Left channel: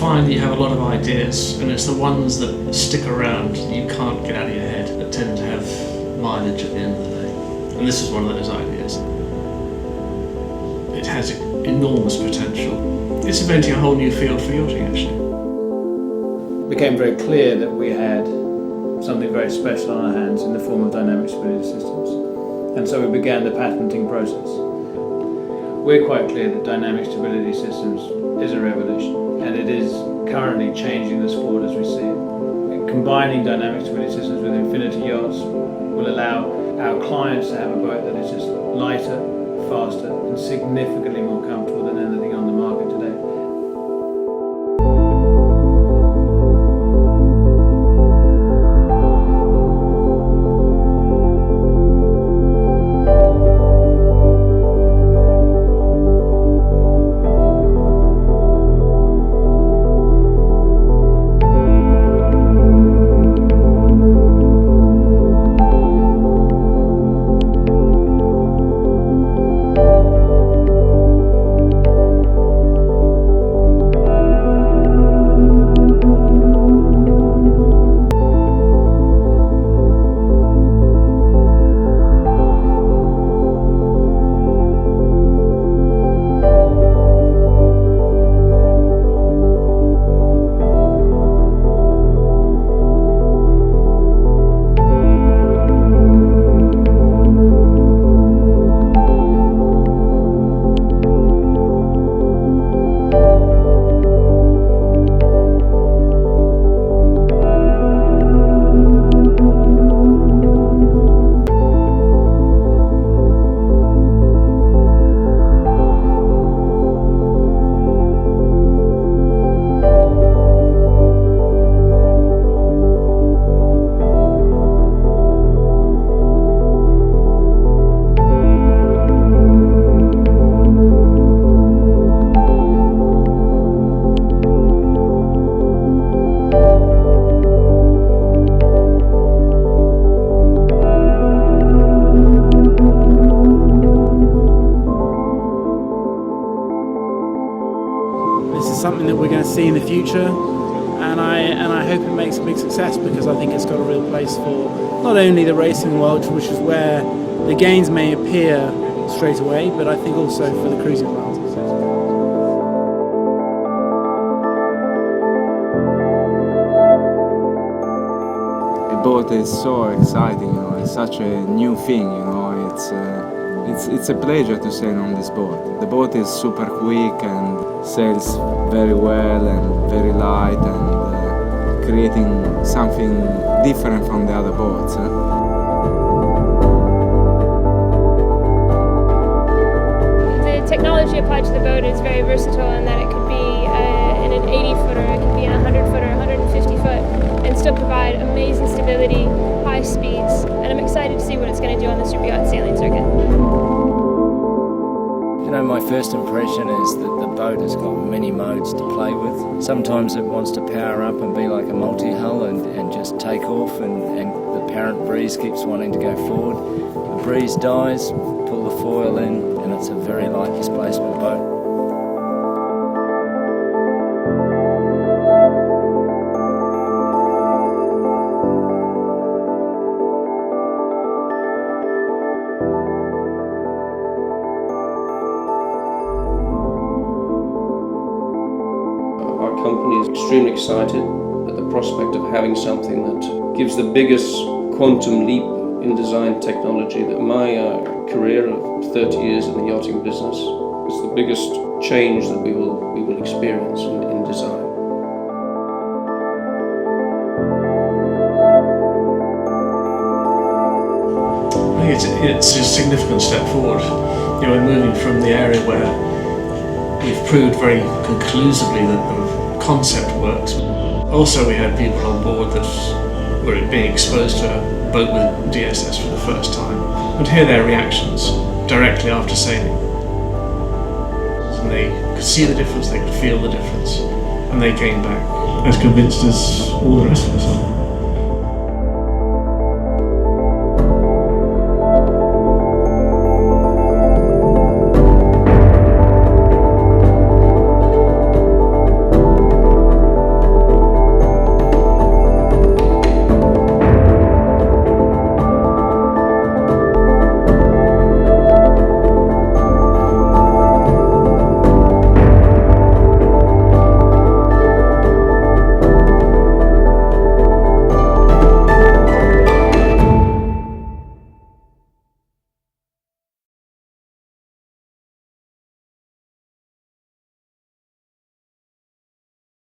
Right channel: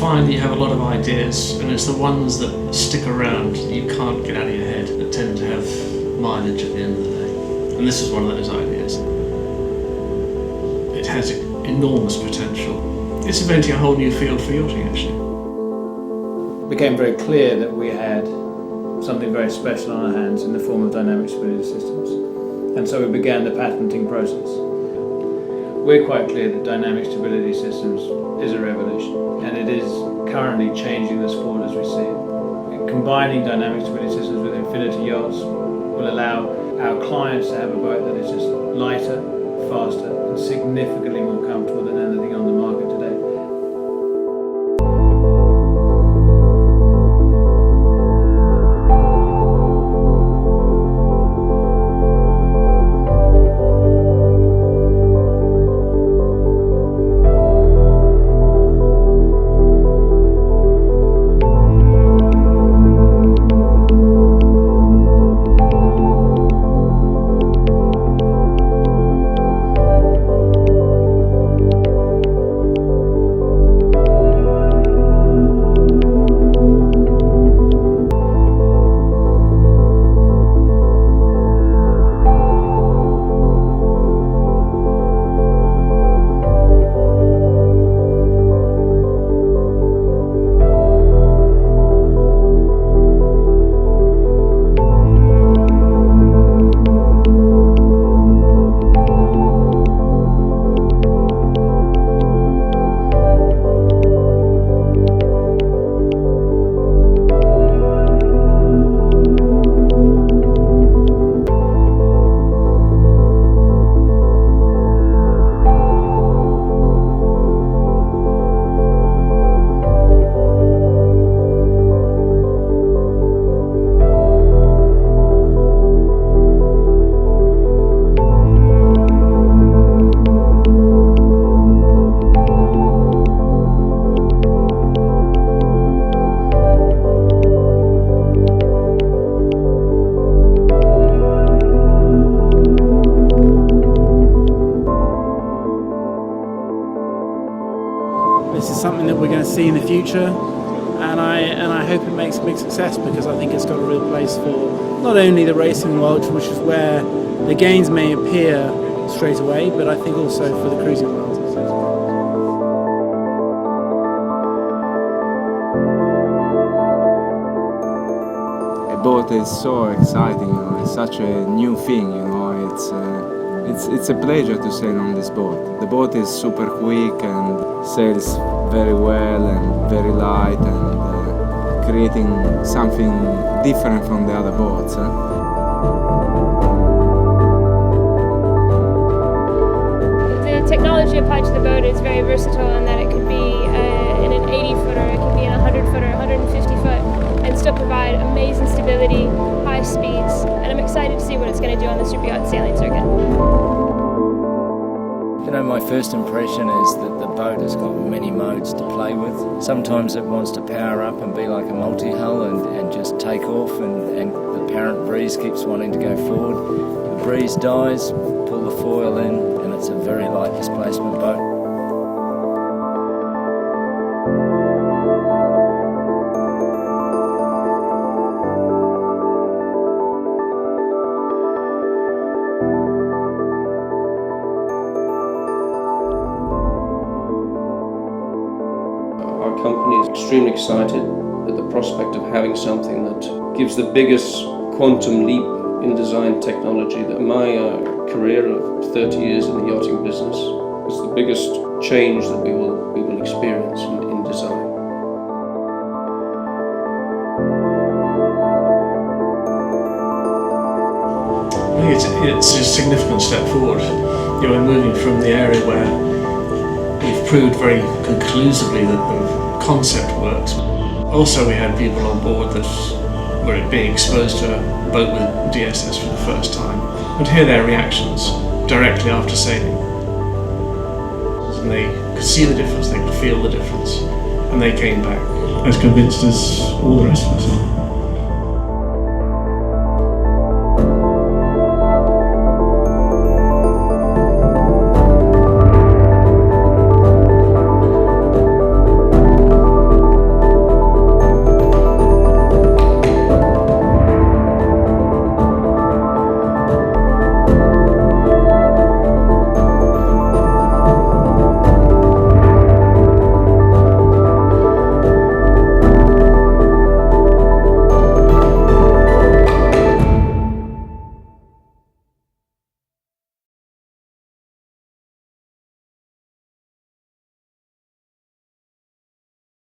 find that you have a lot of ideas, and it's the ones that stick around that you can't get out of your head that tend to have mileage at the end of the day. And this is one of those ideas. It has enormous potential. It's inventing a whole new field for yachting, actually. It became very clear that we had something very special on our hands in the form of dynamic stability systems. And so we began the patenting process. We're quite clear that dynamic stability systems is a revolution, and it is currently changing the sport as we see it. Combining dynamic stability systems with Infiniti Yachts will allow our clients to have a boat that is just lighter, faster, and significantly more comfortable than anything on the market today. This is something that we're going to see in the future, and I hope it makes a big success, because I think it's got a real place for not only the racing world, which is where the gains may appear straight away, but I think also for the cruising world. A boat is so exciting, it's such a new thing, it's a pleasure to sail on this boat. The boat is super quick and sails very well and very light, and creating something different from the other boats. The technology applied to the boat is very versatile in that it could be in an 80-footer, it could be in a 100-footer, 150-foot, and still provide amazing stability, high speeds, and I'm excited to see what it's going to do on the super yacht sailing circuit. My first impression is that the boat has got many modes to play with. Sometimes it wants to power up and be like a multi-hull and just take off, and the apparent breeze keeps wanting to go forward. The breeze dies, pull the foil in, and it's a very light displacement boat. Our company is extremely excited at the prospect of having something that gives the biggest quantum leap in design technology. That my career of 30 years in the yachting business is the biggest change that we will experience in design. I think it's a significant step forward. We're moving from the area where we've proved very conclusively that the concept works. Also, we had people on board that were being exposed to a boat with DSS for the first time, and hear their reactions directly after sailing. And they could see the difference, they could feel the difference, and they came back as convinced as all the rest of us are.